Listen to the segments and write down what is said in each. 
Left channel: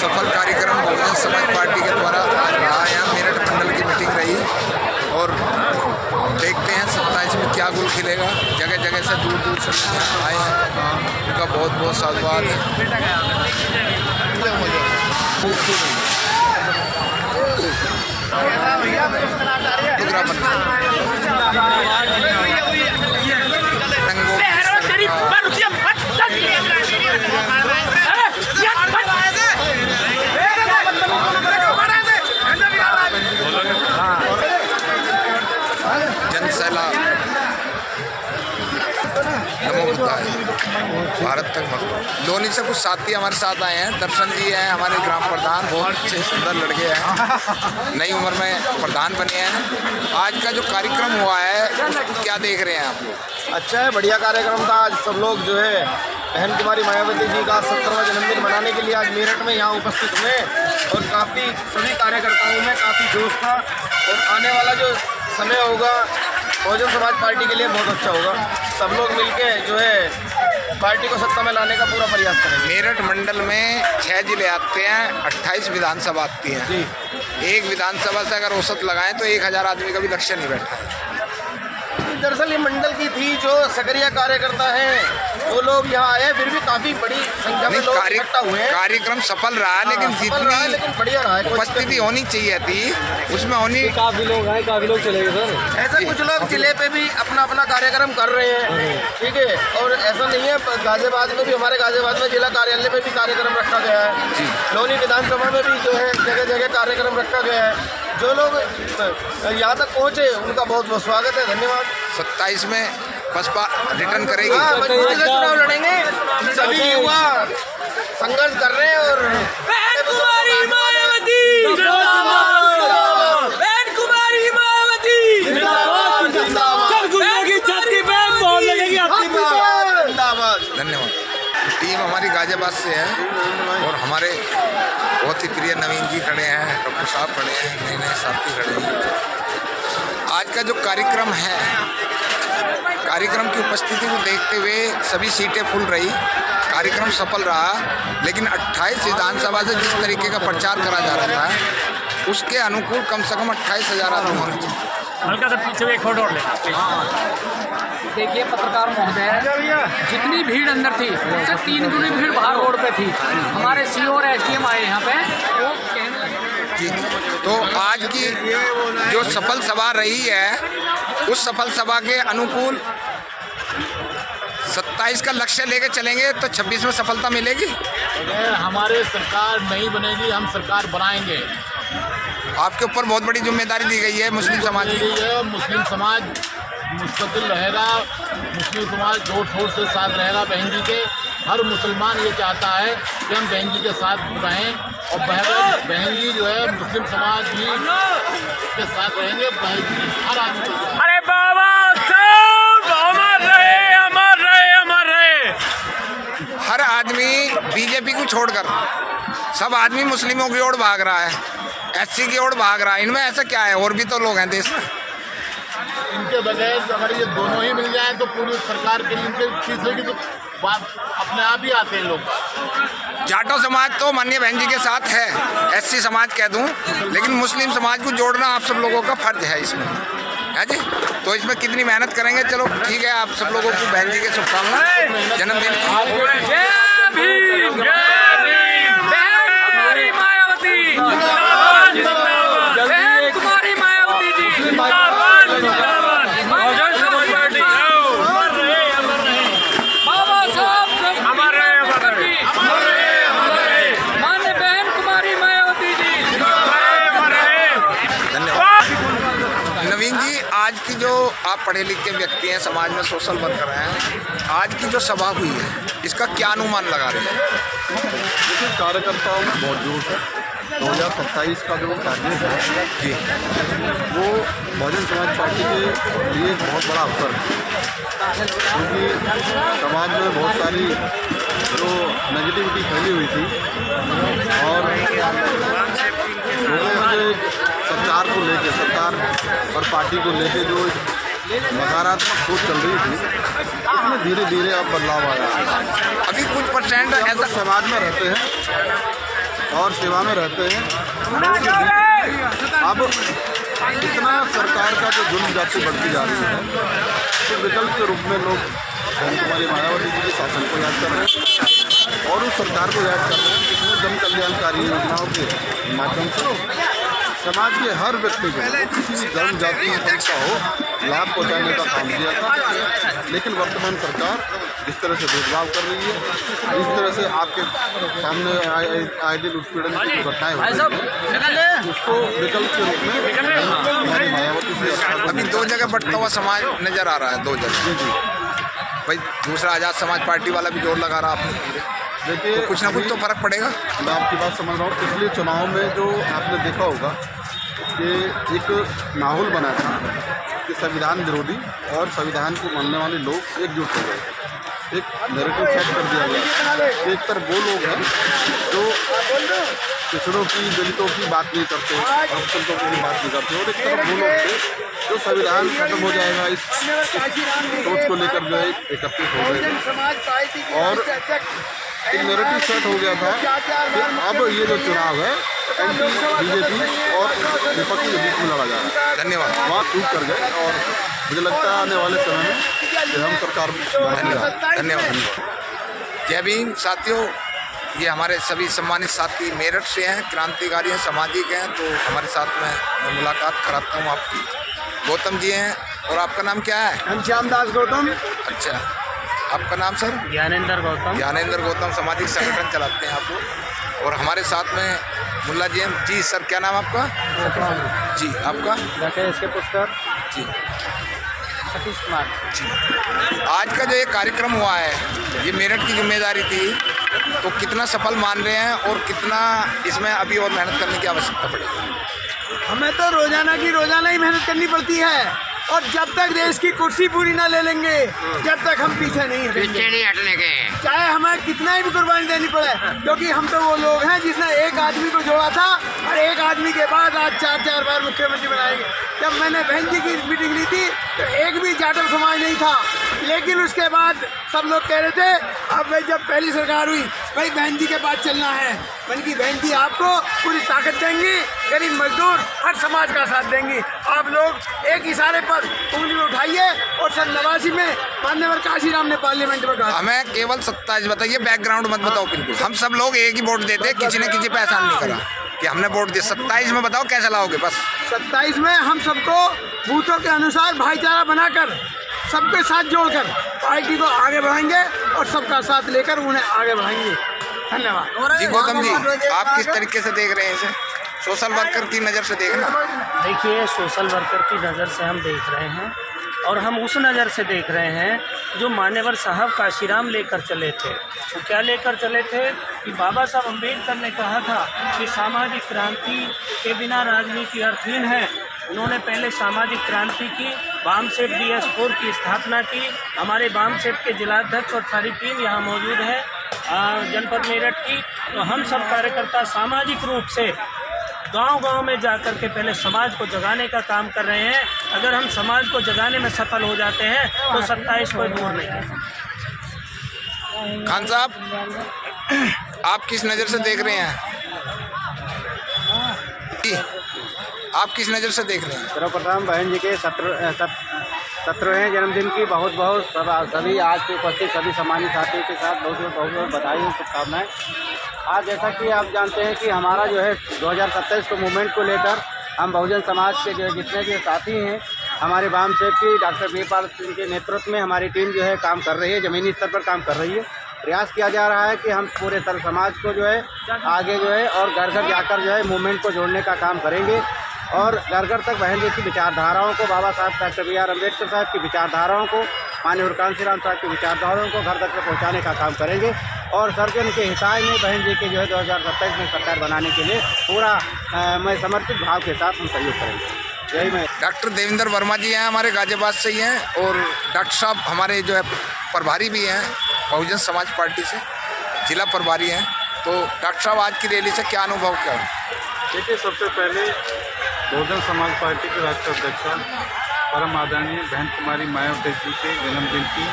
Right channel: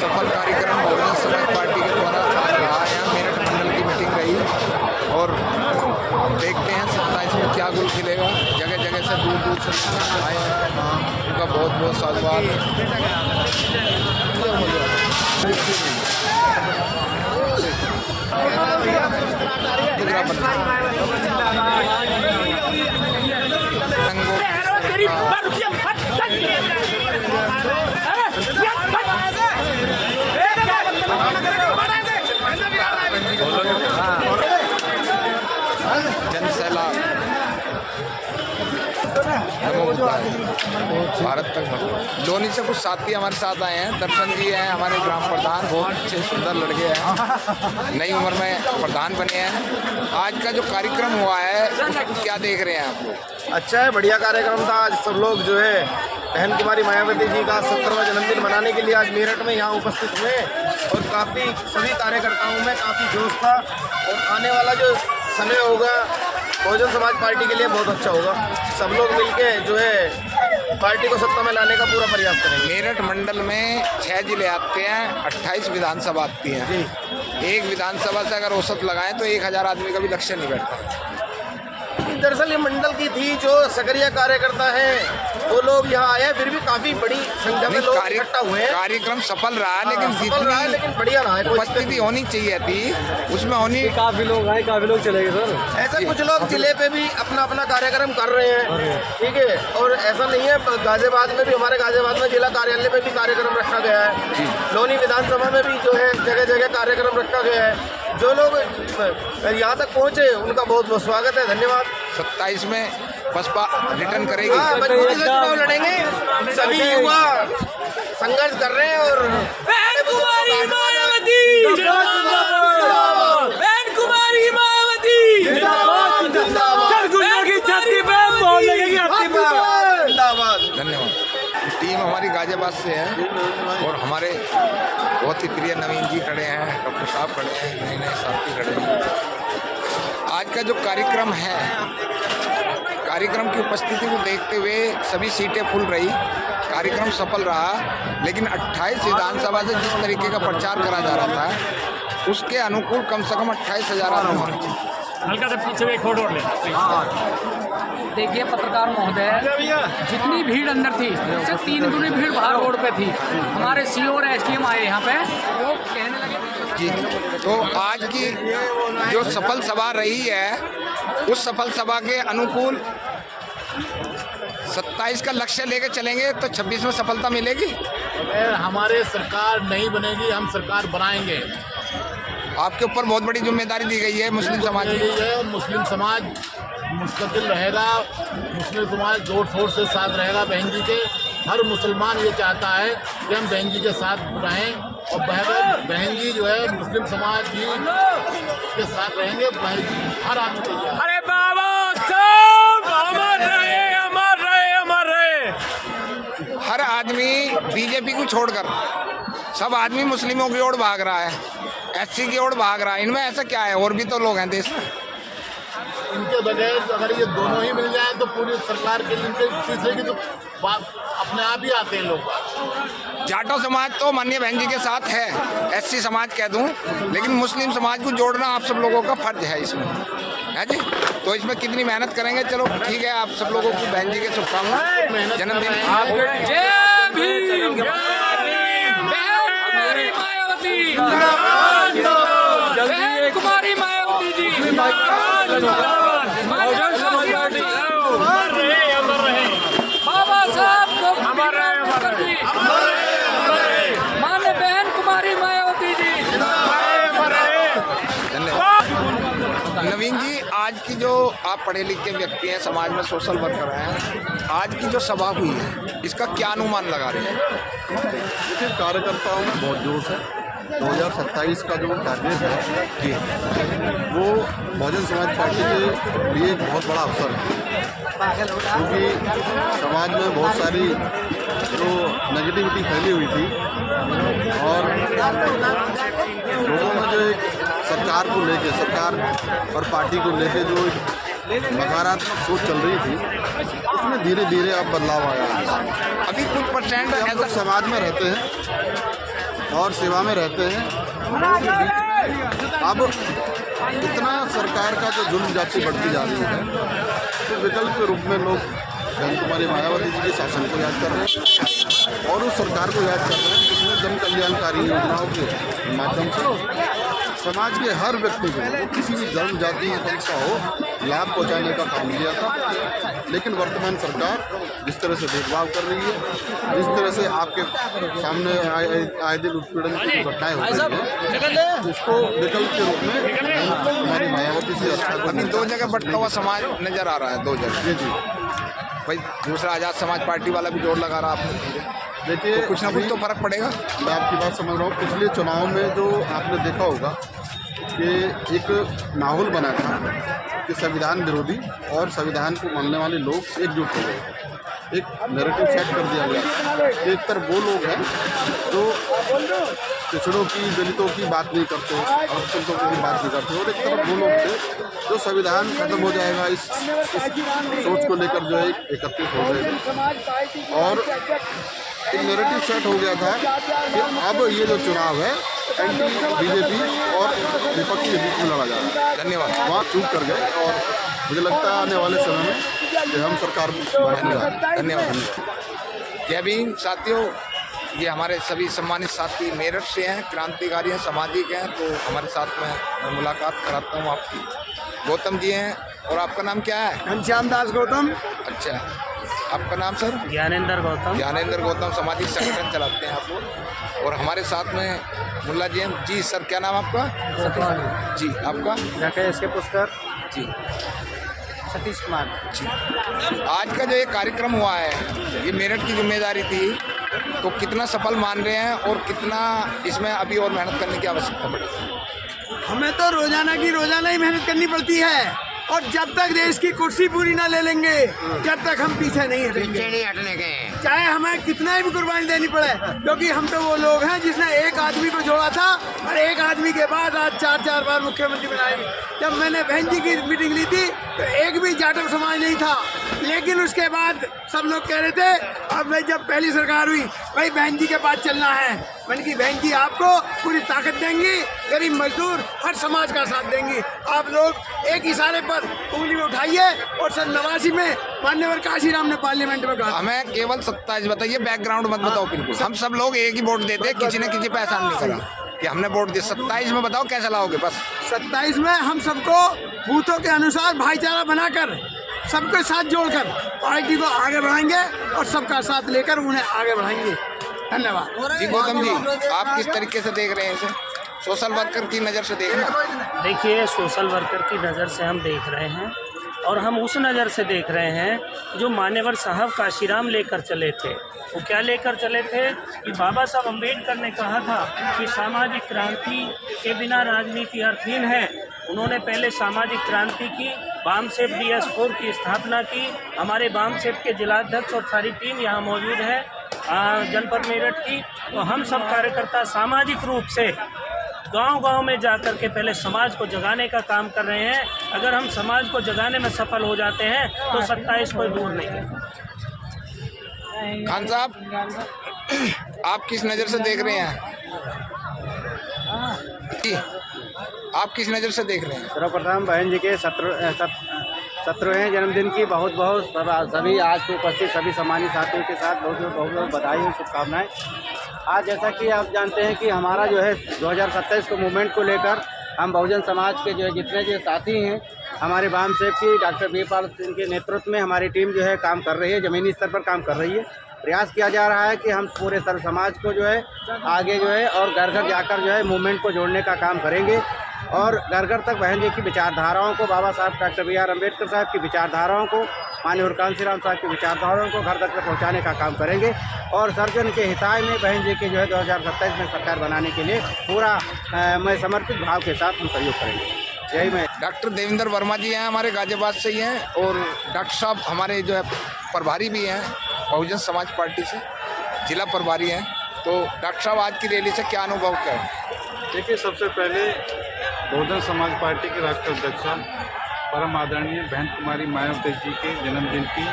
सफल कार्यक्रम बहुजन समाज पार्टी के द्वारा आज रहा। यहाँ मेरठ मंडल की मीटिंग रही और देखते हैं 27 में क्या गुल खिलेगा। जगह जगह से दूर दूर से आए हैं, उनका बहुत बहुत साधुवाद है। जनसैलाब नमो बुद्धाय भारत तक भगवान। लोनी से कुछ साथी हमारे साथ आए हैं। दर्शन जी हैं हमारे ग्राम प्रधान, बहुत अच्छे सुंदर लड़के हैं, नई उम्र में प्रधान बने हैं। आज का जो कार्यक्रम हुआ है उसको क्या देख रहे हैं आप लोग? अच्छा है, बढ़िया कार्यक्रम था। आज सब लोग जो है बहन कुमारी मायावती जी का 70वां जन्मदिन मनाने के लिए आज मेरठ में यहाँ उपस्थित हुए और काफ़ी सभी कार्यकर्ताओं में काफ़ी जोश था और आने वाला जो समय होगा बहुजन समाज पार्टी के लिए बहुत अच्छा होगा। सब लोग मिलके जो है पार्टी को सत्ता में लाने का पूरा प्रयास करेंगे। मेरठ मंडल में 6 जिले आते हैं, 28 विधानसभा आती हैं जी। एक विधानसभा से अगर औसत लगाएं तो 1000 आदमी का भी लक्ष्य नहीं बैठा है। दरअसल ये मंडल की थी जो सक्रिय कार्यकर्ता हैं वो लोग यहाँ आए, फिर भी काफी बड़ी संख्या में लोग इकट्ठा हुए हैं। कार्यक्रम सफल रहा, लेकिन लेकिन बढ़िया रहा है। उपस्थिति होनी चाहिए थी, उसमें होनी। काफी लोग आए, काफी लोग चले गए सर। ऐसा कुछ लोग जिले पे भी अपना अपना कार्यक्रम कर रहे हैं, ठीक है। और ऐसा नहीं है, गाजियाबाद में भी, हमारे गाजियाबाद में जिला कार्यालय में भी कार्यक्रम रखा गया है। लोनी विधानसभा में भी जो है जगह जगह कार्यक्रम रखा गया है। जो लोग यहाँ तक पहुँचे उनका बहुत बहुत स्वागत है, धन्यवाद। 27 में बसपा रिटर्न करेगी। मजबूती से चुनाव लड़ेंगे, सभी युवा संघर्ष कर रहे हैं। और बहन कुमारी मायावती जिंदाबाद, बहन कुमारी मायावती जिंदाबाद, गुंडा की छाती पे मोहर लगेगी आपकी बात। जिंदाबाद। धन्यवाद। टीम हमारी गाजियाबाद से है और हमारे बहुत ही प्रिय नवीन जी खड़े हैं, डॉक्टर साहब खड़े हैं, नए नए साथी खड़े हैं। आज का जो कार्यक्रम है, कार्यक्रम की उपस्थिति को देखते हुए सभी सीटें फुल रही, कार्यक्रम सफल रहा। लेकिन 28 विधानसभा से जिस तरीके का प्रचार करा जा रहा था उसके अनुकूल कम से कम 28,000 आदमी होने चाहिए। हल्का सा पीछे एक फोटो ले। देखिए पत्रकार महोदय, जितनी भीड़ अंदर थी उससे 3 गुनी भीड़ बाहर रोड पे थी। हमारे सीओ और एसडीएम आए यहाँ पे, वो कहने लगे। तो आज की जो सफल सभा रही है उस सफल सभा के अनुकूल 27 का लक्ष्य लेके चलेंगे तो 26 में सफलता मिलेगी। अगर हमारे सरकार नहीं बनेगी, हम सरकार बनाएंगे। आपके ऊपर बहुत बड़ी जिम्मेदारी दी गई है मुस्लिम समाज की। मुस्लिम समाज मुस्तकिल रहेगा, मुस्लिम समाज जोर शोर से साथ रहेगा बहन जी के। हर मुसलमान ये चाहता है कि हम बहन जी के साथ रहें और बहन जी जो है मुस्लिम समाज जी के साथ रहेंगे। बहन जी हर आदमी। अरे बाबा साहब, अमर रहे, अमर रहे, अमर रहे। हर आदमी बीजेपी को छोड़कर सब आदमी मुस्लिमों की ओर भाग रहा है, एससी की ओर भाग रहा है। इनमें ऐसा क्या है? और भी तो लोग हैं देश में। इनके बगैर अगर ये दोनों ही मिल जाए तो पूरी सरकार के लिए इनके पीछे की तो बात अपने आप ही आते हैं लोग। जाटो समाज तो माननीय बहन जी के साथ है, एससी समाज कह दूं, लेकिन मुस्लिम समाज को जोड़ना आप सब लोगों का फर्ज है इसमें, है जी। तो इसमें कितनी मेहनत करेंगे, चलो ठीक है। आप सब लोगों को बहन जी के शुभकामनाएं जन्मदिन की। जय भीम, जय भीम, बहन मायावती, बहन कुमारी मायावती जी, बाबा साहब मान्य बहन कुमारी मायावती जी। धन्यवाद। नवीन जी, आज की जो आप पढ़े लिखे व्यक्ति हैं, समाज में सोशल वर्कर हैं, आज की जो सभा हुई है इसका क्या अनुमान लगा रही है? देखिए, कार्यकर्ताओं में बहुत जोश है। 2027 का जो टारगेट है जी, वो बहुजन समाज पार्टी के लिए बहुत बड़ा अवसर है, क्योंकि समाज में बहुत सारी जो नेगेटिविटी फैली हुई थी और लोगों में जो सरकार को लेके, सरकार और पार्टी को लेके जो नकारात्मक सोच चल रही थी, उसमें धीरे धीरे अब बदलाव आया है। अभी कुछ परसेंट ऐसा समाज में रहते हैं और सेवा में रहते हैं। लोगों के बीच में अब इतना सरकार का जो जुल्म जाति बढ़ती जा रही है, तो विकल्प के रूप में लोग बहन कुमारी मायावती जी के शासन को याद कर रहे हैं और उस सरकार को याद कर रहे हैं जिसने जन कल्याणकारी योजनाओं के माध्यम से समाज के हर व्यक्ति को, किसी भी धर्म जाति संस्था हो, लाभ पहुंचाने का काम किया था। लेकिन वर्तमान सरकार जिस तरह से भेदभाव कर रही है, जिस तरह से आपके सामने आए दिन उत्पीड़न की घटनाएं हो रही हैं, उसको विकल्प के रूप में हमारी मायावती से अभी 2 जगह बंटता हुआ समाज नजर आ रहा है, 2 जगह। जी भाई दूसरा आज़ाद समाज पार्टी वाला भी जोर लगा रहा आपने पूरे, देखिए तो कुछ ना कुछ तो फर्क पड़ेगा। मैं आपकी बात समझ रहा हूँ। पिछले चुनाव में जो आपने देखा होगा कि एक माहौल बना था कि संविधान विरोधी और संविधान को मानने वाले लोग एकजुट हो गए, एक नैरेटिव सेट कर दिया गया। एक तरफ वो लोग हैं जो पिछड़ों की, दलितों की बात नहीं करते, अल्पसंख्यकों की बात नहीं करते, और एक तरफ वो लोग थे जो संविधान खत्म हो जाएगा इस सोच को लेकर जो है एकत्रित हो गए थे। और एक नैरेटिव सेट हो गया था कि अब ये जो चुनाव है एंटी बीजेपी और विपक्ष के बीच में लड़ा जा रहा है। धन्यवाद। वहाँ चूक कर गए और मुझे लगता है आने वाले समय में कि हम सरकार धन्यवाद। धन्यवाद। जय भीम साथियों, ये हमारे सभी सम्मानित साथी मेरठ से हैं, क्रांतिकारी हैं, सामाजिक हैं। तो हमारे साथ में मैं मुलाकात कराता हूँ आपकी। गौतम जी हैं, और आपका नाम क्या है? घनश्याम दास गौतम। अच्छा, आपका नाम सर? ज्ञानेंद्र गौतम। ज्ञानेंद्र गौतम सामाजिक संगठन चलाते हैं आप लोग। और हमारे साथ में मुल्ला जी हैं। जी सर, क्या नाम आपका? जी, आपका? डॉक्टर एस के पुष्कर। जी, सतीश कुमार जी। आज का जो ये कार्यक्रम हुआ है, ये मेरठ की जिम्मेदारी थी, तो कितना सफल मान रहे हैं और कितना इसमें अभी और मेहनत करने की आवश्यकता पड़ेगी? हमें तो रोजाना की रोजाना ही मेहनत करनी पड़ती है, और जब तक देश की कुर्सी पूरी ना ले लेंगे, जब तक हम पीछे नहीं हटने के, चाहे हमें कितना ही भी कुर्बानी देनी पड़े। क्योंकि हम तो वो लोग हैं जिसने एक आदमी को जोड़ा था, और एक आदमी के बाद आज 4 बार मुख्यमंत्री बनाएंगे। जब मैंने बहन जी की मीटिंग ली थी तो एक भी जाटव समाज नहीं था, लेकिन उसके बाद सब लोग कह रहे थे, अब भाई जब पहली सरकार हुई, भाई बहन जी के पास चलना है। मैंने की बहन जी आपको पूरी ताकत देंगी, गरीब मजदूर हर समाज का साथ देंगी। आप लोग एक इशारे पर उंगली में उठाइए। और सन 89 में माननीय काशीराम ने पार्लियामेंट में कहा, हमें केवल 27 बताइए, बैकग्राउंड मत बताओ। बिल्कुल हम सब लोग एक ही वोट देते, किसी ने किसी पे एहसान नहीं करा कि हमने वोट दिया। 27 में बताओ कैसे लाओगे? बस 27 में हम सबको बूथों के अनुसार भाईचारा बनाकर, सबके साथ जोड़कर पार्टी को आगे बढ़ाएंगे और सबका साथ लेकर उन्हें आगे बढ़ाएंगे। धन्यवाद। जी गौतम जी, आप किस तरीके से देख रहे हैं इसे? सोशल वर्कर की नज़र से देखना। देखिए, सोशल वर्कर की नज़र से हम देख रहे हैं, और हम उस नज़र से देख रहे हैं जो मान्यवर साहब काशीराम लेकर चले थे। वो क्या लेकर चले थे कि बाबा साहब अम्बेडकर ने कहा था कि सामाजिक क्रांति के बिना राजनीति अर्थहीन है। उन्होंने पहले सामाजिक क्रांति की, बामसेप DS4 की स्थापना की। हमारे बामसेप के जिलाध्यक्ष और सारी टीम यहाँ मौजूद है जनपद मेरठ की। तो हम सब कार्यकर्ता सामाजिक रूप से गांव-गांव में जाकर के पहले समाज को जगाने का काम कर रहे हैं। अगर हम समाज को जगाने में सफल हो जाते हैं तो 27 कोई दूर नहीं है। खान साहब, आप किस नज़र से देख रहे हैं? आप किस नज़र से देख रहे हैं? सर्वप्रथम बहन जी के 17वें जन्मदिन की बहुत बहुत सभी आज के उपस्थित सभी सम्मानित साथियों के साथ बहुत बहुत बधाई और शुभकामनाएं। आज जैसा कि आप जानते हैं कि हमारा जो है 2027 के मूवमेंट को लेकर हम बहुजन समाज के जो है जितने भी साथी हैं, हमारे वामसेप की डॉक्टर वीरपाल सिंह के नेतृत्व में हमारी टीम जो है काम कर रही है, ज़मीनी स्तर पर काम कर रही है। प्रयास किया जा रहा है कि हम पूरे सर्व समाज को जो है आगे जो है और घर घर जाकर जो है मूवमेंट को जोड़ने का काम करेंगे, और घर घर तक बहन जी की विचारधाराओं को, बाबा साहब डॉक्टर BR अम्बेडकर साहब की विचारधाराओं को, माननीय कांशीराम साहब की विचारधाराओं को घर तक पहुँचाने का काम करेंगे। और सर्जन के हिताय में बहन जी के जो है 2027 में सरकार बनाने के लिए पूरा मैं समर्पित भाव के साथ हम सहयोग करेंगे। यही मैं। डॉक्टर देवेंद्र वर्मा जी हैं, हमारे गाजियाबाद से ही हैं, और डॉक्टर साहब हमारे जो है प्रभारी भी हैं बहुजन समाज पार्टी से, जिला प्रभारी हैं। तो डॉक्टर साहब, आज की रैली से क्या अनुभव क्या? देखिए, सबसे पहले बहुजन समाज पार्टी के राष्ट्रीय अध्यक्षा परम आदरणीय बहन कुमारी मायावती जी के जन्मदिन की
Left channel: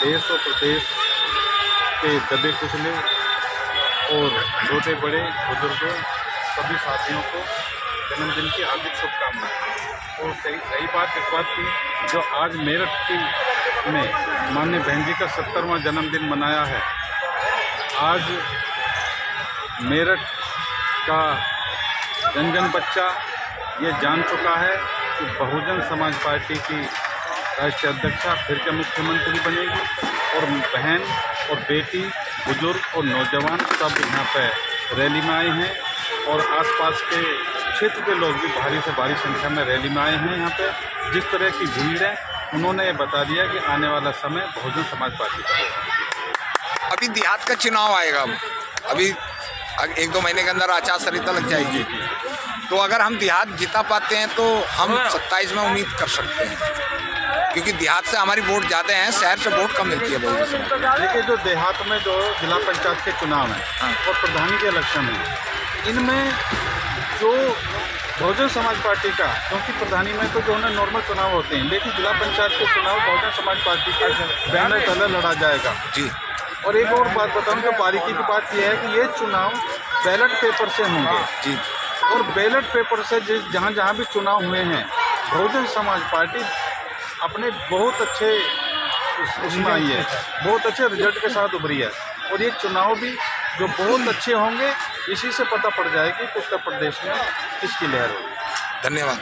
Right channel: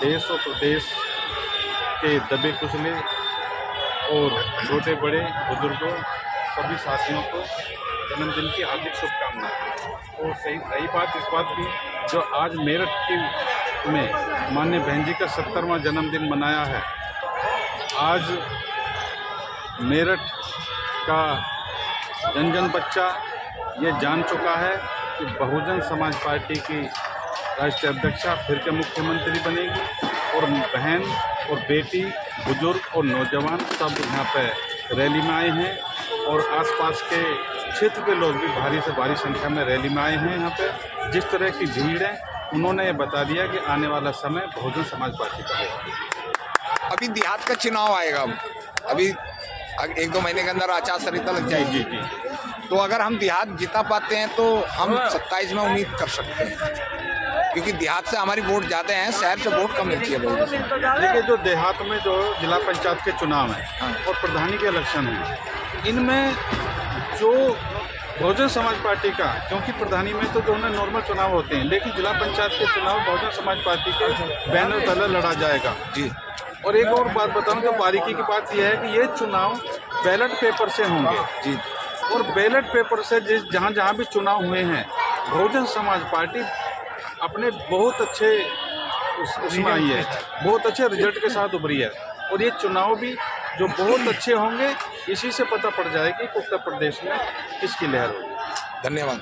देश और प्रदेश के दबे कुचले और छोटे बड़े बुजुर्गों सभी साथियों को जन्मदिन की हार्दिक शुभकामनाएं। और सही बात इस बात की जो आज मेरठ में माननीय बहन जी का 70वां जन्मदिन मनाया है। आज मेरठ का जन जन बच्चा ये जान चुका है कि बहुजन समाज पार्टी की राष्ट्रीय अध्यक्षा फिर के मुख्यमंत्री बनेगी और बहन और बेटी, बुजुर्ग और नौजवान सब यहाँ पे रैली में आए हैं और आसपास के क्षेत्र के लोग भी भारी से भारी संख्या में रैली में आए हैं। यहाँ पे जिस तरह की भीड़ है उन्होंने ये बता दिया कि आने वाला समय बहुजन समाज पार्टी का होगा। अभी देहात का चुनाव आएगा, अभी 1-2 महीने के अंदर आचार संहिता लग जाएगी, तो अगर हम देहात जिता पाते हैं तो हम 27 में उम्मीद कर सकते हैं, क्योंकि देहात से हमारी वोट ज़्यादा हैं, शहर से वोट कम मिलती है बहुजन समाज। देखिए जो देहात में जो जिला पंचायत के चुनाव हैं और प्रधानी के इलेक्शन हैं, इनमें जो बहुजन समाज पार्टी का, क्योंकि प्रधानी में तो जो है नॉर्मल चुनाव होते हैं, लेकिन जिला पंचायत के चुनाव बहुजन समाज पार्टी के बैनर तले लड़ा जाएगा जी। और एक और बात बताऊं तो बारीकी की बात यह है कि ये चुनाव बैलेट पेपर से होंगे जी। और बैलेट पेपर से जहाँ जहाँ भी चुनाव हुए हैं बहुजन समाज पार्टी अपने बहुत अच्छे उसमें आई है, बहुत अच्छे रिजल्ट के साथ उभरी है। और ये चुनाव भी जो बहुत अच्छे होंगे, इसी से पता पड़ जाएगी कि उत्तर प्रदेश में किसकी लहर होगी। धन्यवाद।